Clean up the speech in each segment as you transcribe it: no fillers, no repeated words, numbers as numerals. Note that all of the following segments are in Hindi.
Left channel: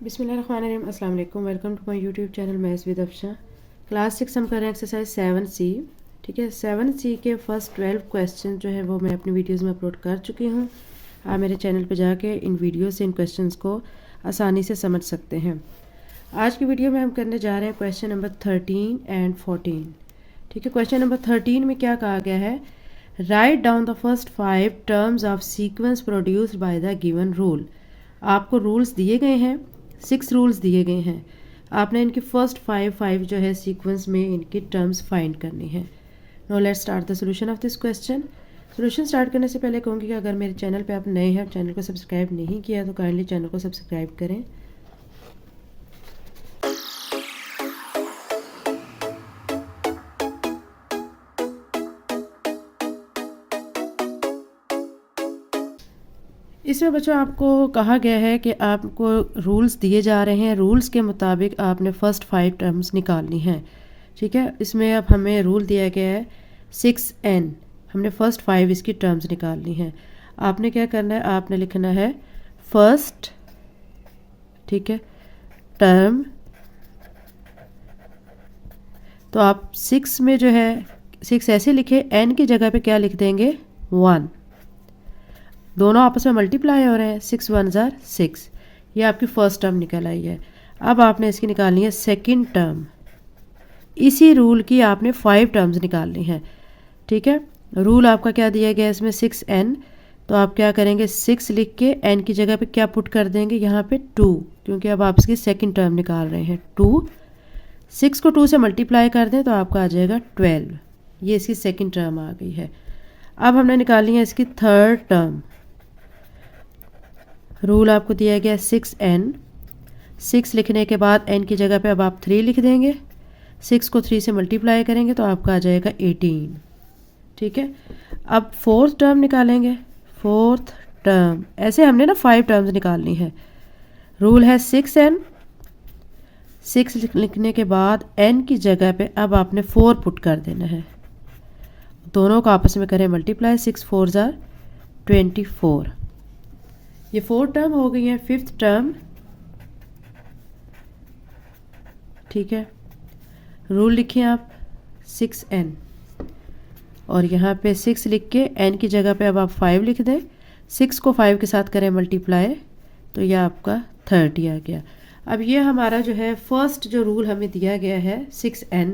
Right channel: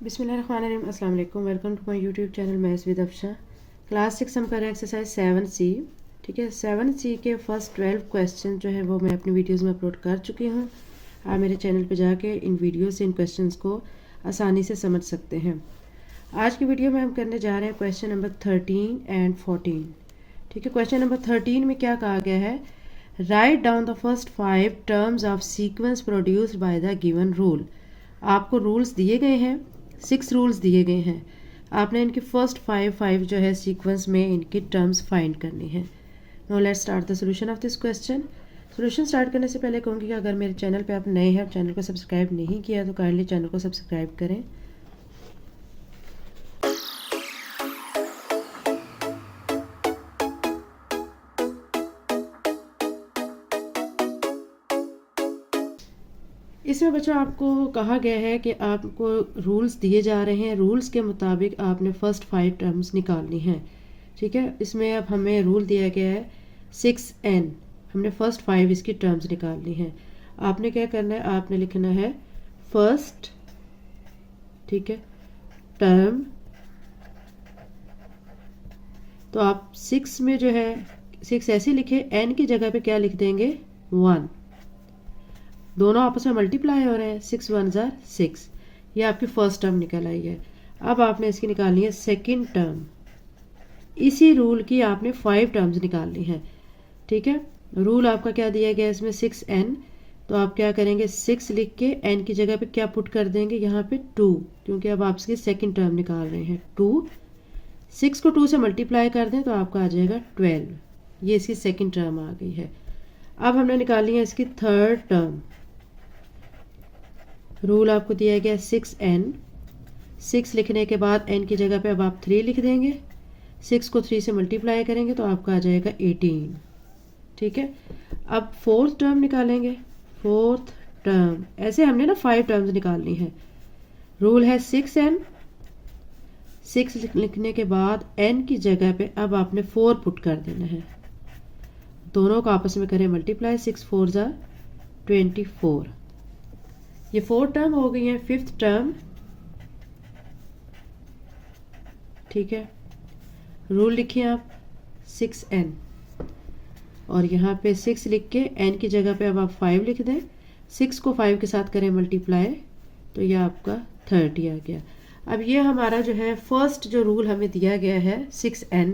बिस्मिल्लाहिर्रहमानिर्रहीम। अस्सलाम वालेकुम। Welcome to my YouTube channel maths with Afsha. Class 6 हम कर रहे हैं एक्सरसाइज 7C। ठीक है, 7C के फर्स्ट 12 क्वेश्चन जो है वो मैं अपनी वीडियोस में अपलोड कर चुकी हूँ। आप मेरे चैनल पर जाके इन वीडियो से इन क्वेश्चंस को आसानी से समझ सकते हैं। आज की वीडियो में हम करने जा रहे हैं क्वेश्चन नंबर 13 एंड 14। ठीक है, क्वेश्चन नंबर 13 में क्या कहा गया है, write down the first 5 terms of sequence produced by the given rule. आपको रूल्स दिए गए हैं, 6 रूल्स दिए गए हैं। आपने इनकी फर्स्ट 5 जो है सीक्वेंस में इनकी टर्म्स फाइंड करनी है। Now let's start the solution of this question. Solution start करने से पहले कहूँगी कि अगर मेरे चैनल पे आप नए हैं, चैनल को सब्सक्राइब नहीं किया तो काइंडली चैनल को सब्सक्राइब करें। इसमें बच्चों आपको कहा गया है कि आपको रूल्स दिए जा रहे हैं, रूल्स के मुताबिक आपने फर्स्ट 5 टर्म्स निकालनी है। ठीक है, इसमें अब हमें रूल दिया गया है 6n। हमने फर्स्ट 5 इसकी टर्म्स निकालनी है। आपने क्या करना है, आपने लिखना है फर्स्ट, ठीक है, टर्म। तो आप 6 में जो है 6 ऐसे लिखे, n की जगह पे क्या लिख देंगे 1। दोनों आपस में मल्टीप्लाई हो रहे हैं, 6 1 जार 6। ये आपकी फर्स्ट टर्म निकल आई है। अब आपने इसकी निकालनी है सेकंड टर्म। इसी रूल की आपने 5 टर्म्स निकालनी है। ठीक है, रूल आपका क्या दिया गया है इसमें 6n। तो आप क्या करेंगे, 6 लिख के n की जगह पे क्या पुट कर देंगे, यहाँ पे 2, क्योंकि अब आप इसकी सेकंड टर्म निकाल रहे हैं 2। 6 को 2 से मल्टीप्लाई कर दें तो आपका आ जाएगा 12। ये इसकी सेकंड टर्म आ गई है। अब हमने निकालनी है इसकी थर्ड टर्म। रूल आपको दिया गया 6n। 6 लिखने के बाद n की जगह पे अब आप 3 लिख देंगे। 6 को 3 से मल्टीप्लाई करेंगे तो आपका आ जाएगा 18। ठीक है, अब फोर्थ टर्म निकालेंगे। फोर्थ टर्म ऐसे हमने ना 5 टर्म्स निकालनी है। रूल है 6n। 6 लिखने के बाद n की जगह पे अब आपने 4 पुट कर देना है। दोनों को आपस में करें मल्टीप्लाई, 6 4 जार 24। ये 4 टर्म हो गई है। फिफ्थ टर्म, ठीक है, रूल लिखिए आप 6n और यहाँ पे 6 लिख के n की जगह पे अब आप 5 लिख दें। 6 को 5 के साथ करें मल्टीप्लाई तो यह आपका 30 आ गया। अब ये हमारा जो है फर्स्ट जो रूल हमें दिया गया है 6n,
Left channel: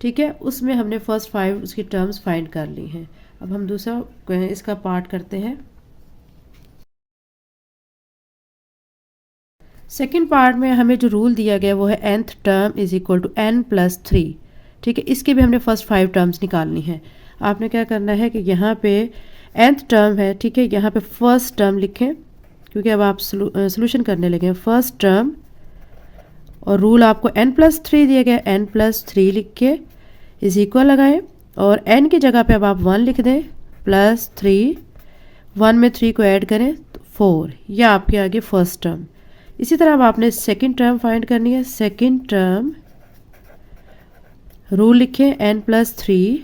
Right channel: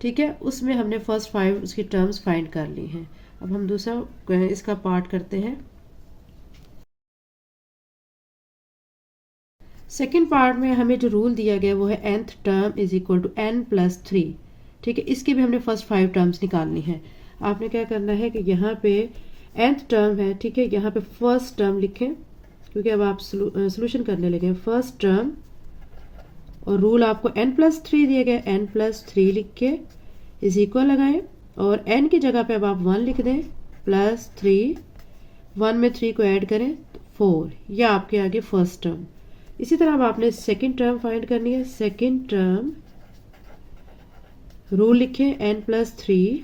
ठीक है, उसमें हमने फर्स्ट 5 उसकी टर्म्स फाइंड कर ली हैं। अब हम दूसरा इसका पार्ट करते हैं। सेकेंड पार्ट में हमें जो रूल दिया गया वो है nth term is equal to n plus 3। ठीक है, इसके भी हमने फर्स्ट 5 टर्म्स निकालनी है। आपने क्या करना है कि यहाँ पे nth टर्म है, ठीक है, यहाँ पे फर्स्ट टर्म लिखें क्योंकि अब आप सोल्यूशन करने लगे हैं। फर्स्ट टर्म और रूल आपको n प्लस 3 दिया गया, n प्लस 3 लिख के इज इक्वल लगाएं और n की जगह पे अब आप 1 लिख दें प्लस 3। 1 में 3 को ऐड करें तो 4। यह आपके आगे फर्स्ट टर्म। इसी तरह अब आपने सेकंड टर्म फाइंड करनी है। सेकंड टर्म रूल लिखें n प्लस 3।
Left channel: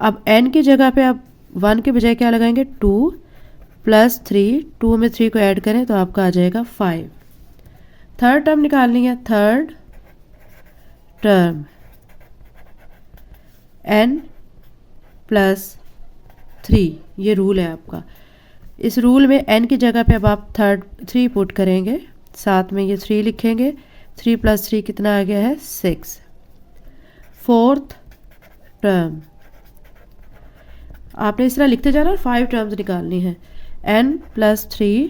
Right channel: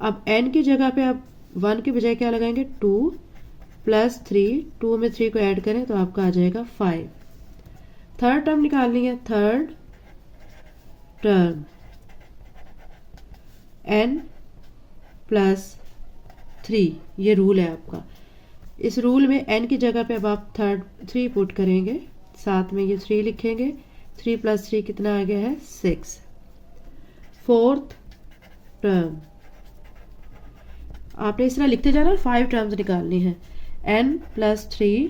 अब n की जगह पे आप 1 के बजाय क्या लगाएंगे 2 प्लस 3। 2 में 3 को ऐड करें तो आपका आ जाएगा 5। थर्ड टर्म निकालनी है। थर्ड टर्म n प्लस 3, ये रूल है आपका। इस रूल में n की जगह पे अब आप 3 पुट करेंगे, साथ में ये 3 लिखेंगे। 3 प्लस 3 कितना आ गया है 6। फोर्थ टर्म आपने इस तरह लिखते जाना, 5 टर्म्स निकालनी है। n प्लस 3,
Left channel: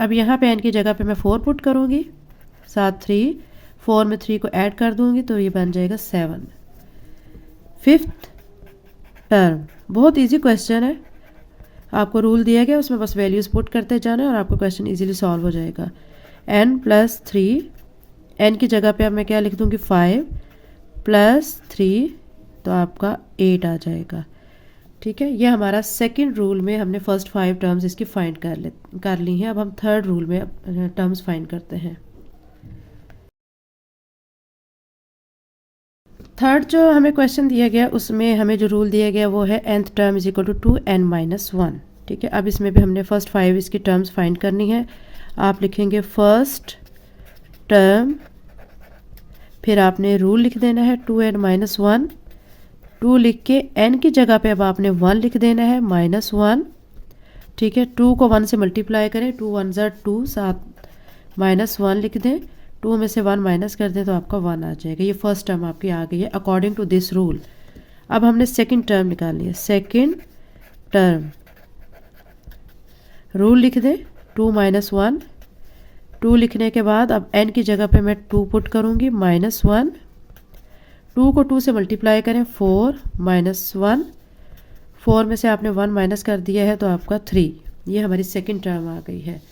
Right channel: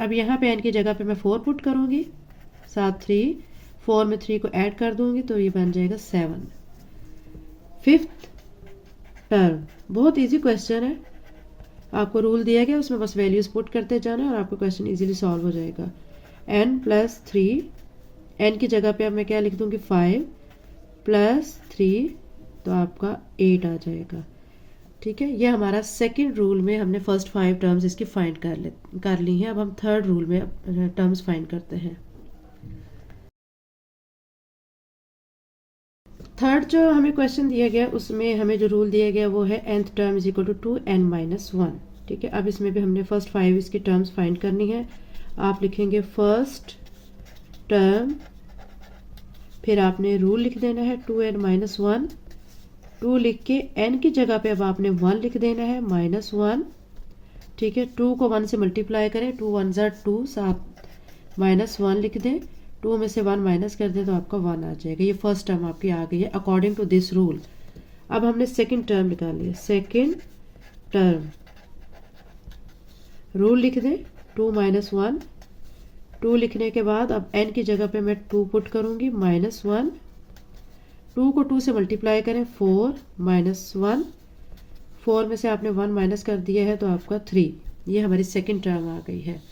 अब यहाँ पे n की जगह पे मैं 4 पुट करूँगी, साथ 3। 4 में 3 को ऐड कर दूँगी तो ये बन जाएगा 7। फिफ्थ टर्म बहुत इजी क्वेश्चन है। आपको रूल दिया गया, उसमें बस वैल्यूज पुट करते जाना है और आपका क्वेश्चन इजीली सॉल्व हो जाएगा। n प्लस 3, n की जगह पे अब मैं क्या लिख दूंगी 5 प्लस 3 तो आपका 8 आ जाएगा। ठीक है, ये हमारा सेकंड रूल में हमने फर्स्ट 5 टर्म्स इसकी फाइंड कर ली हैं। अब हम थर्ड रूल में टर्म्स फाइंड करते हैं। थर्ड जो हमें क्वेश्चन दिया गया उसमें हमें जो रूल दिया गया वो है nth term is equal to 2n minus 1। ठीक है, अब इसमें भी हमने फर्स्ट 5 इसकी टर्म्स फाइंड करनी है। आप लिखेंगे फर्स्ट टर्म, फिर आपने रूल लिख देना है 2n-1, 2 लिख के n की जगह पे अब आपने 1 लिख देना है -1, ठीक है। 2 को 1 से मल्टीप्लाई करें, 2 1 ज़ा 2, साथ -1 लिख दें, 2 में से 1 माइनस कर दें तो आपका 1 आ जाएगा। ये फर्स्ट टर्म आपकी आ गई है अकॉर्डिंग टू दिस रूल। अब हमने सेकंड टर्म निकालनी है। सेकंड टर्म रूल लिख दें 2 -1, 2 लिखने के बाद अब n की जगह पे मैं 2 पुट करूँगी -1, 2 को 2 से मल्टीप्लाई करें 4 -1, 4 में से आपने 1 माइनस कर दिया है तो आपका 3। ये हमारी सेकंड टर्म आ गई है।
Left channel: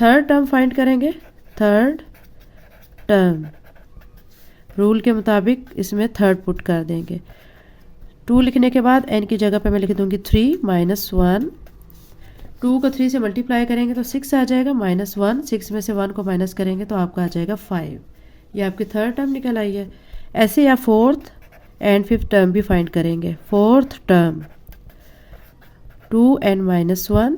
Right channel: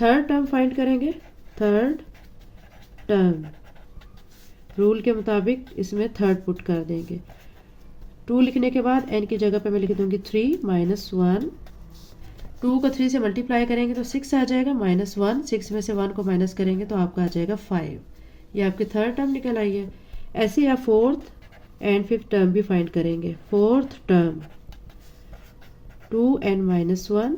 थर्ड टर्म फाइंड करेंगे। थर्ड टर्म रूल के मुताबिक इसमें थर्ड पुट कर देंगे। 2 लिखने के बाद n की जगह पे मैं लिख दूंगी 3 -1, 2 को 3 से मल्टीप्लाई करेंगे तो 6 आ जाएगा -1, 6 में से 1 को माइनस करेंगे तो आपका आ जाएगा 5। ये आपकी थर्ड टर्म निकल आई है। ऐसे आप फोर्थ एंड फिफ्थ टर्म भी फाइंड करेंगे। फोर्थ टर्म 2n-1,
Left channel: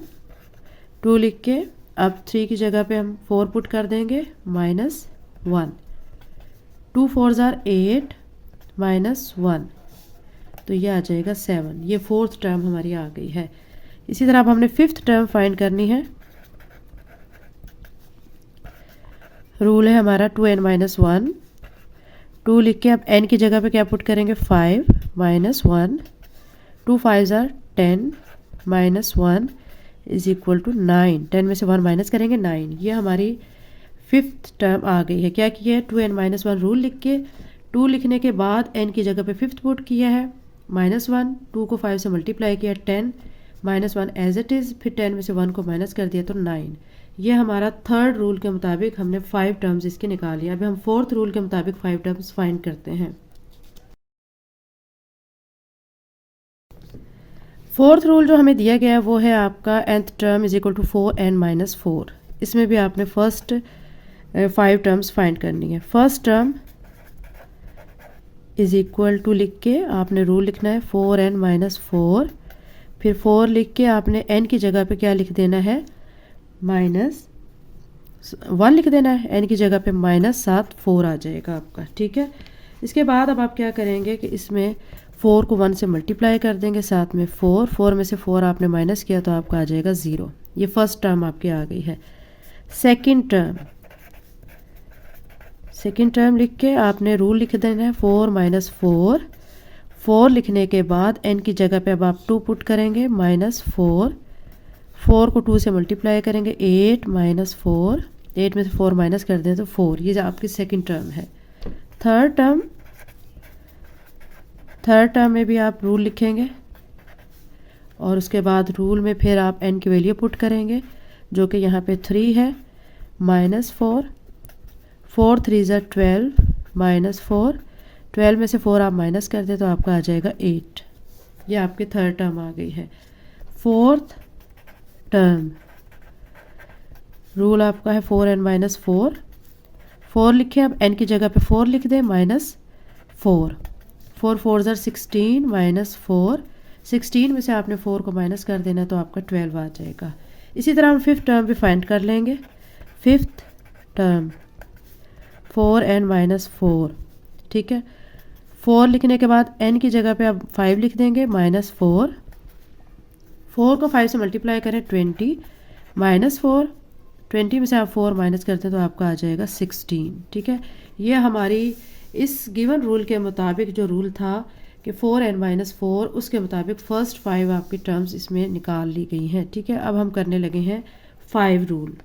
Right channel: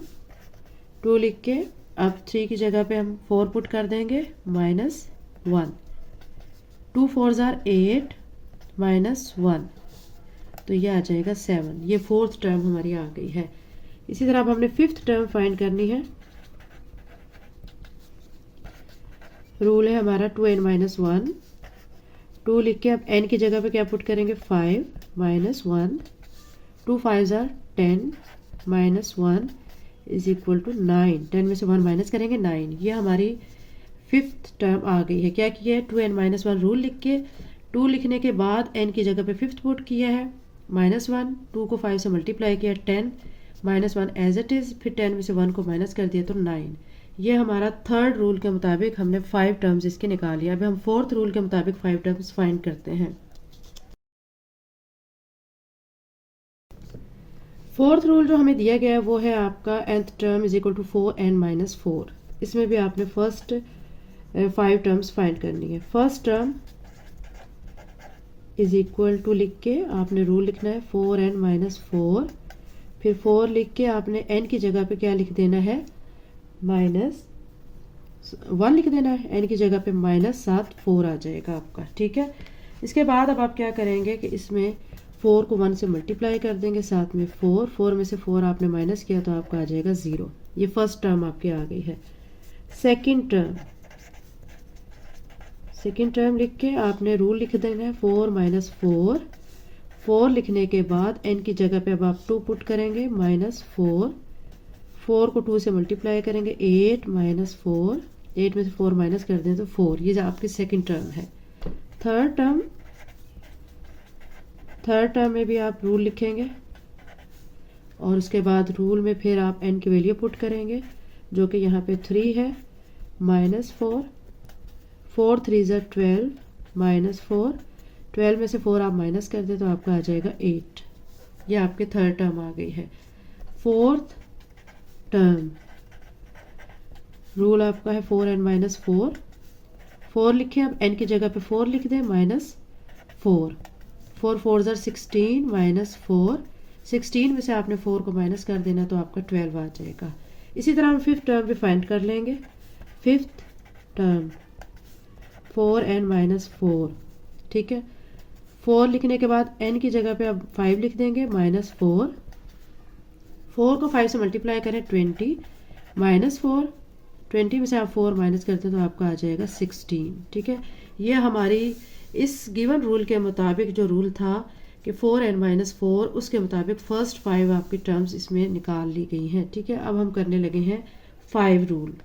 2 लिख के अब 3 की जगह पे हम 4 पुट कर देंगे -1, 2 4 ज़ार 8 -1, तो ये आ जाएगा 7। ये फोर्थ टर्म हमारी आ गई है। इसी तरह अब हमने फिफ्थ टर्म फाइंड करनी है। रूल है हमारा 2n-1, 2 लिख के अब n की जगह पे क्या पुट करेंगे 5 -1, 2 5 ज़ार 10 -1 इज इक्वल टू 9, 10 में से 1 माइनस करेंगे 9। ये हमारी फिफ्थ टर्म आ गई है। क्या किया है, 2n-1 रूल लिख के 2 लिखने के बाद n की जगह पे फिफ्थ पुट किया है -1, 2 को 5 से मल्टीप्लाई किया 10 -1 एज इट इज़, फिर 10 में से 1 को माइनस कर दिया तो 9। ये हमारा थर्ड रूल के मुताबिक हमने 5 टर्म्स इसके निकाल लिया। अभी हम फोर्थ रूल के मुताबिक 5 टर्म्स फाइंड करते हैं। फोर्थ रूल जो हमें दिया गया है वो है आपका nth term is equal to 4n-4। इसमें भी आपने फर्स्ट 5 टर्म्स फाइंड करनी है। First term is equal to लिख के आपने रूल लिखना है 4n-4, फिर 4 लिख के आपने n की जगह पे क्या लिख देना है -1 लिख देना है, n की जगह पे -7 4 आ जाएगा आपका, ठीक है। इसके बाद अब आप क्या करेंगे कि इसमें 4 को 1 से मल्टीप्लाई कर देंगे, साथ में 4, 4 में से 4 आपने माइनस किया तो आपका आ जाएगा 0। ये फर्स्ट टर्म आपकी आ गई है। सेकंड टर्म लिख के आपने रूल लिख देना है 4 -4, 4 लिखने के बाद n की जगह पे अब आप 2 पुट करेंगे -4, 4 को 2 से मल्टीप्लाई करेंगे 8 -4, 8 में से 4 माइनस कर दें तो 4। ये आपकी सेकंड टर्म है। थर्ड टर्म में भी आप रूल लिखेंगे और उसके बाद रूल में फिर आप n की वैल्यू पुट करेंगे जो कि यहाँ पे 3 है -4, 4 3 ज़ा 12 -4, 12 में से 4 आप माइनस कर दें तो आपका आ जाएगा 8। ये आपकी थर्ड टर्म आ गई है। फोर्थ टर्म रूल आपका है 4n-4, 4 लिखें, अब n की जगह पे 4 लिख दें -4, 4 4 ज़ार 16 -4, 16 में से आपने 4 को माइनस कर देना तो आपका 12 आ जाएगा। इसी तरह हम फिफ्थ टर्म भी फाइंड कर लेंगे। फिफ्थ टर्म 4n-4, ठीक है। 4 लिखने के बाद n की जगह पे आप 5 लिख देंगे -4, 4 को 5 से मल्टीप्लाई करें 20 -4, 20 में से आप 4 माइनस करते हैं तो आपका आ जाएगा 16, ठीक है। ये हमारी इस गिवन रूल के मुताबिक जो रूल था कि 4n-4, उसके मुताबिक फर्स्ट 5 आपकी टर्म्स इसमें निकाल ली गई हैं, ठीक है। अब हम करने लगे हैं 5 रूल।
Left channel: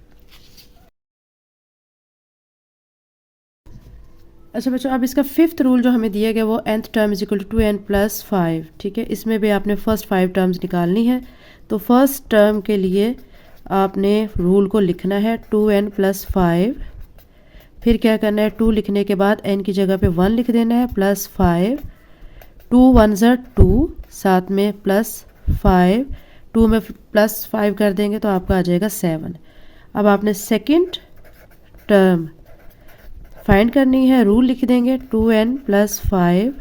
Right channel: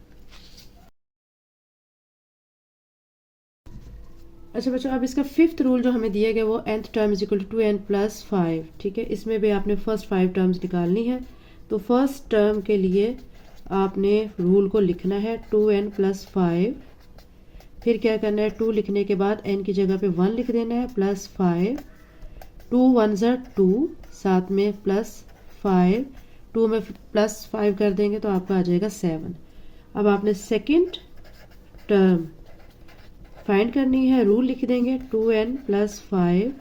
अच्छा बच्चों, अब इसका फिफ्थ रूल जो हमें दिया गया वो nth term is equal to 2n+5, ठीक है। इसमें भी आपने फर्स्ट 5 टर्म्स निकालनी है। तो फर्स्ट टर्म के लिए आपने रूल को लिखना है 2n+5, फिर क्या करना है 2 लिखने के बाद n की जगह पे 1 लिख देना है +5, 2 1 ज़ा 2, साथ में +5, 2 में +5 कर देंगे तो आपका आ जाएगा 7। अब आपने सेकंड टर्म फाइंड करनी है। रूल लिख देंगे 2n+5,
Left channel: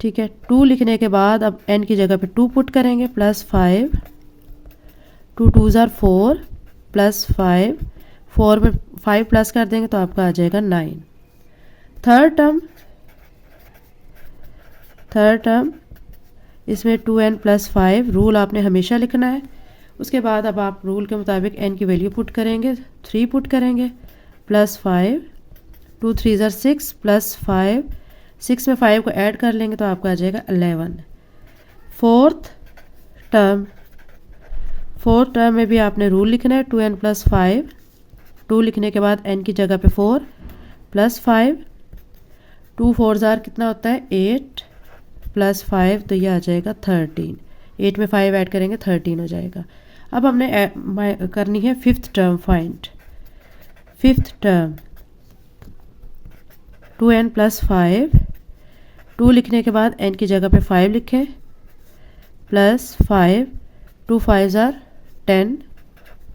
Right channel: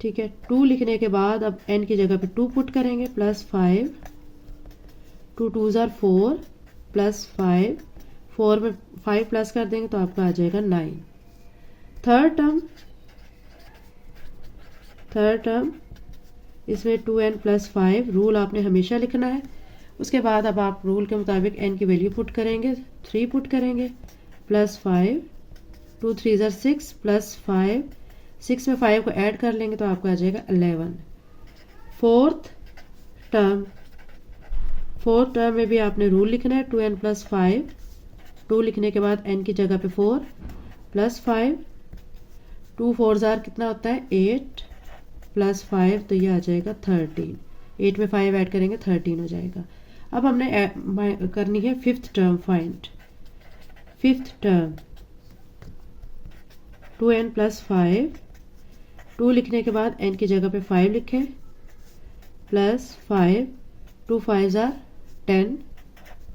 ठीक है। 2 लिखने के बाद अब n की जगह पे 2 पुट करेंगे +5, 2 2 ज़ार 4, प्लस 5, 4 में 5 प्लस कर देंगे तो आपका आ जाएगा 9। थर्ड टर्म इसमें 2n प्लस 5, रूल आपने हमेशा लिखना है। उसके बाद अब आप रूल के मुताबिक n की वैल्यू पुट करेंगे, 3 पुट करेंगे, प्लस 5, 2 3 ज़र 6 प्लस 5, 6 में 5 को ऐड कर लेंगे तो आपका आ जाएगा 11। फोर्थ टर्म में भी आपने रूल लिखना है, 2n प्लस 5, 2 लिखने के बाद n की जगह पे 4 प्लस 5, 2 4 ज़ार कितना होता है 8 प्लस 5, तो ये आ जाएगा 13। 8 में 5 ऐड करेंगे 13 हो जाएगा। अब हमने करनी है fifth term find. Fifth term 2n plus 5, 2 लिखने के बाद n की जगह पे 5 लिखें, प्लस 5, 2 5 ज़ार 10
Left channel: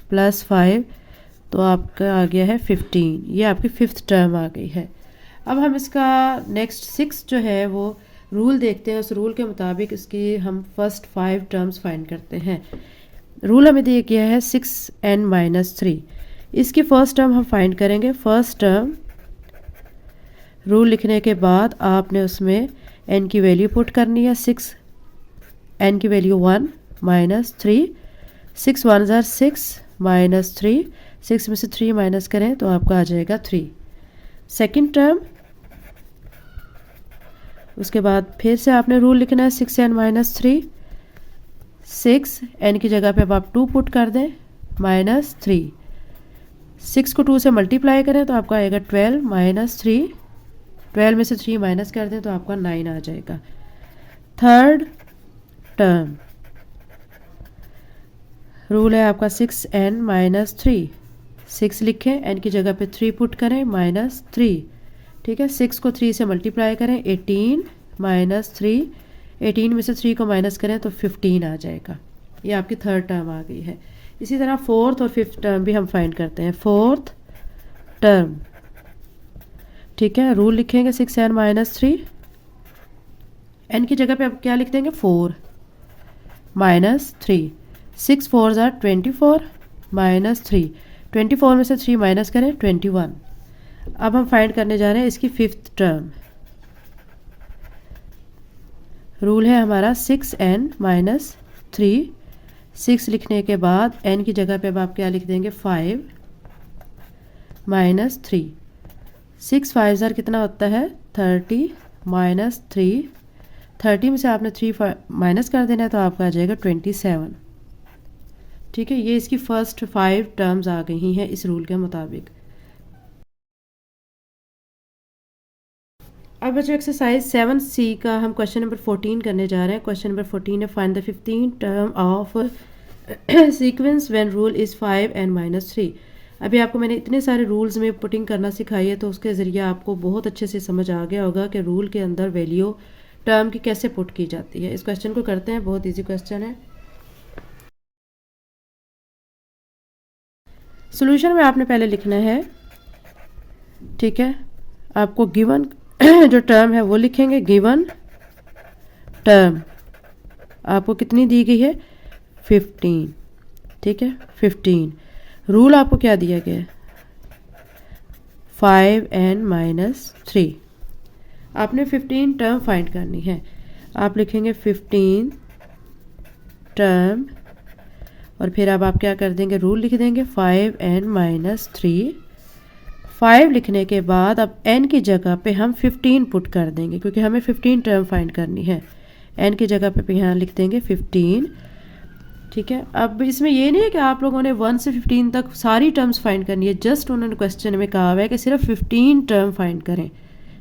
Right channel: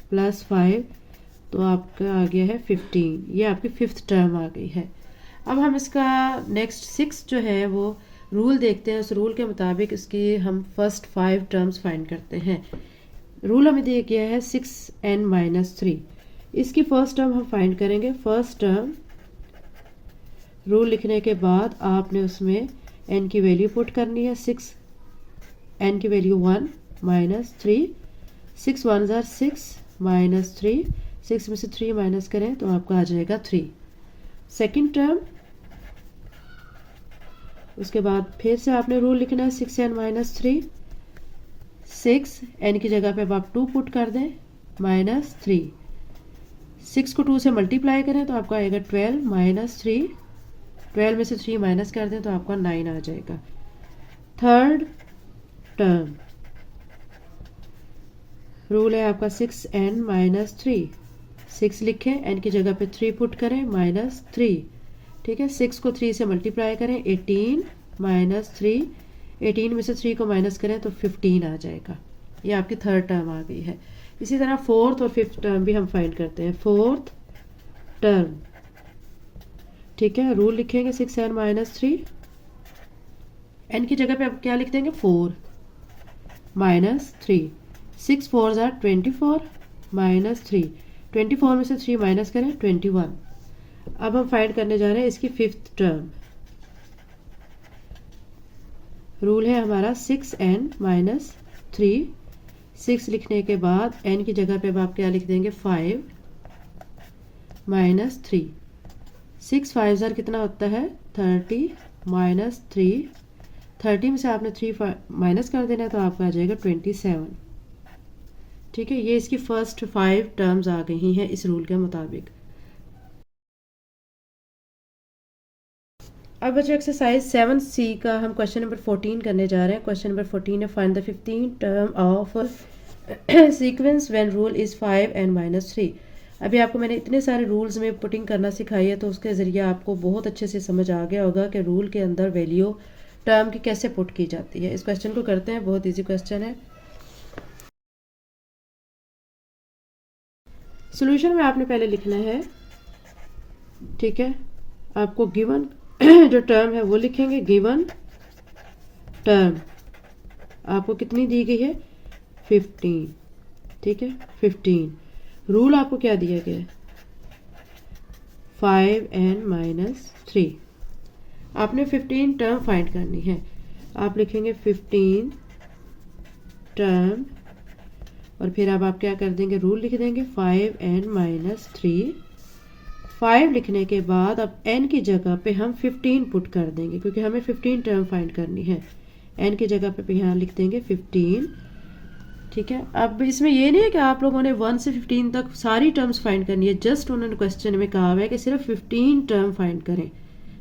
प्लस 5, तो आपका आ गया है 15। ये आपकी फिफ्थ टर्म आ गई है। अब हम इसका नेक्स्ट 6 जो है वो रूल देखते हैं। उस रूल के मुताबिक इसके हम फर्स्ट 5 टर्म्स फाइंड करते हैं। रूल हमें दिया गया है 6n माइनस 3। इसकी फर्स्ट टर्म हम फाइंड करेंगे। फर्स्ट टर्म रूल लिखने के बाद आपने उसमें n की वैल्यू पुट करनी है। 6 n की वैल्यू 1 माइनस 3, 6 1 ज़ार 6 माइनस 3, 6 में से 3 माइनस करें तो आपका आ जाएगा 3। सेकेंड टर्म, उसके बाद फिर से आपने रूल लिखना है 6n माइनस 3, 6 n की जगह पे अब आप 2 पुट कर दें माइनस 3, 6 को 2 से मल्टीप्लाई करें तो आपका आएगा 12 माइनस 3, 12 में से 3 माइनस कर दें तो आपका 9 आ जाएगा। थर्ड टर्म रूल है आपका 6n माइनस 3, 6 लिखें, n की जगह पे 3 पुट करें माइनस 3, ठीक है। 6 को 3 से मल्टीप्लाई करें 18 माइनस 3, 18 में से 3 को माइनस करें तो 15 आ जाएगा। ये आपकी थर्ड टर्म आ गई है। इसी तरह फोर्थ और फिफ्थ टर्म भी हम फाइंड करते हैं। फोर्थ टर्म, ठीक है, रूल लिखेंगे 6n माइनस 3, n की जगह पे अब क्या लिख देंगे 4 माइनस 3, 6 4 ज़ार 24 माइनस 3, 24 में से 3 माइनस करें 21। अब हम फाइंड करने जा रहे हैं इसकी फिफ्थ टर्म। रूल है हमारा 6n माइनस 3, 6 लिखने के बाद n की जगह पे अब आप क्या लिख देंगे 5 माइनस 3, 6 5 ज़ार कितना होता है 30 माइनस 3, 30 में से आपने 3 माइनस कर देना है तो आपका आ जाएगा 27, ठीक है। ये इसकी फर्स्ट 5 टर्म्स आ गई हैं इस रूल के मुताबिक। अब बच्चों एक्सरसाइज 7C का हम क्वेश्चन नंबर 14 करने जा रहे हैं। क्वेश्चन नंबर 14 है find the 15 term of sequence when rule is 5n minus 3। अभी आपको मैंने इतने सारे रूल्स में पुटिंग करना सिखाई है तो उसके ज़रिए आपको बहुत अच्छे से समझ आ गया होगा कि रूल के अंदर वैल्यू टर्म की कैसे पुट की जाती है। इस क्वेश्चन को करते हैं, बहुत ईजी क्वेश्चन है। सोल्यूशन में आपने पहले लिखना है, ठीक है, आपको गिवन जो टर्म है वो लिखेंगे। गिवन टर्म आपको कितनी दी गई है 15, ठीक है 15। रूल आपको क्या दिया गया है 5n माइनस 3। आपने 15 टर्म फाइंड करनी है। आप लिखेंगे 15 टर्म और फिर अब आप क्या कर देंगे रूल लिख देंगे 5n माइनस 3। 5 लिखने के बाद अब n की जगह पे हम 15 पुट कर देंगे क्योंकि हमें 15 टर्म फाइंड करनी है। n की जगह पे यहाँ लिख देंगे 15, ठीक है। अब इसमें ये नहीं है कि आप लोगों ने 1 से 15 तक सारी टर्म्स फाइंड करनी है, जस्ट उन्होंने क्वेश्चन में कहा हुआ है कि सिर्फ 15 टर्म फाइंड करें,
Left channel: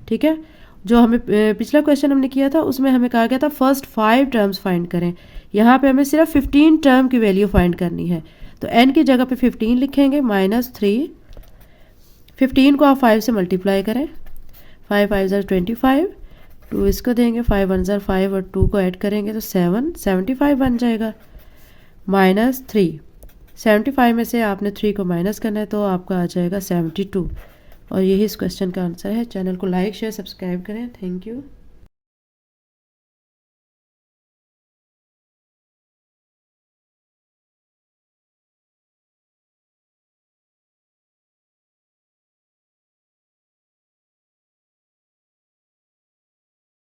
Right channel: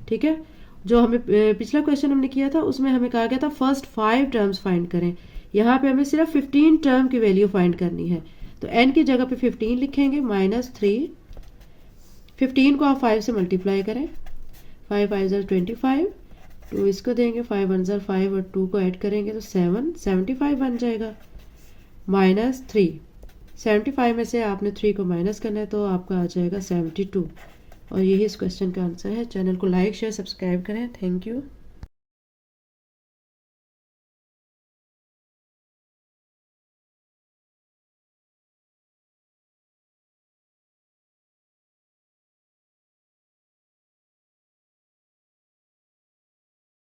ठीक है। जो हमें पिछला क्वेश्चन हमने किया था उसमें हमें कहा गया था फर्स्ट 5 टर्म्स फाइंड करें। यहाँ पे हमें सिर्फ 15 टर्म की वैल्यू फाइंड करनी है। तो n की जगह पे 15 लिखेंगे माइनस 3, 15 को आप 5 से मल्टीप्लाई करें, 5 5 ज़ार 25, 2 इसको देंगे, 5 1 ज़ार 5 और 2 को ऐड करेंगे तो 7 75 बन जाएगा माइनस 3। 75 में से आपने 3 को माइनस करना है तो आपका आ जाएगा 72। और यही इस क्वेश्चन का आंसर है। चैनल को लाइक शेयर सब्सक्राइब करें। Thank you.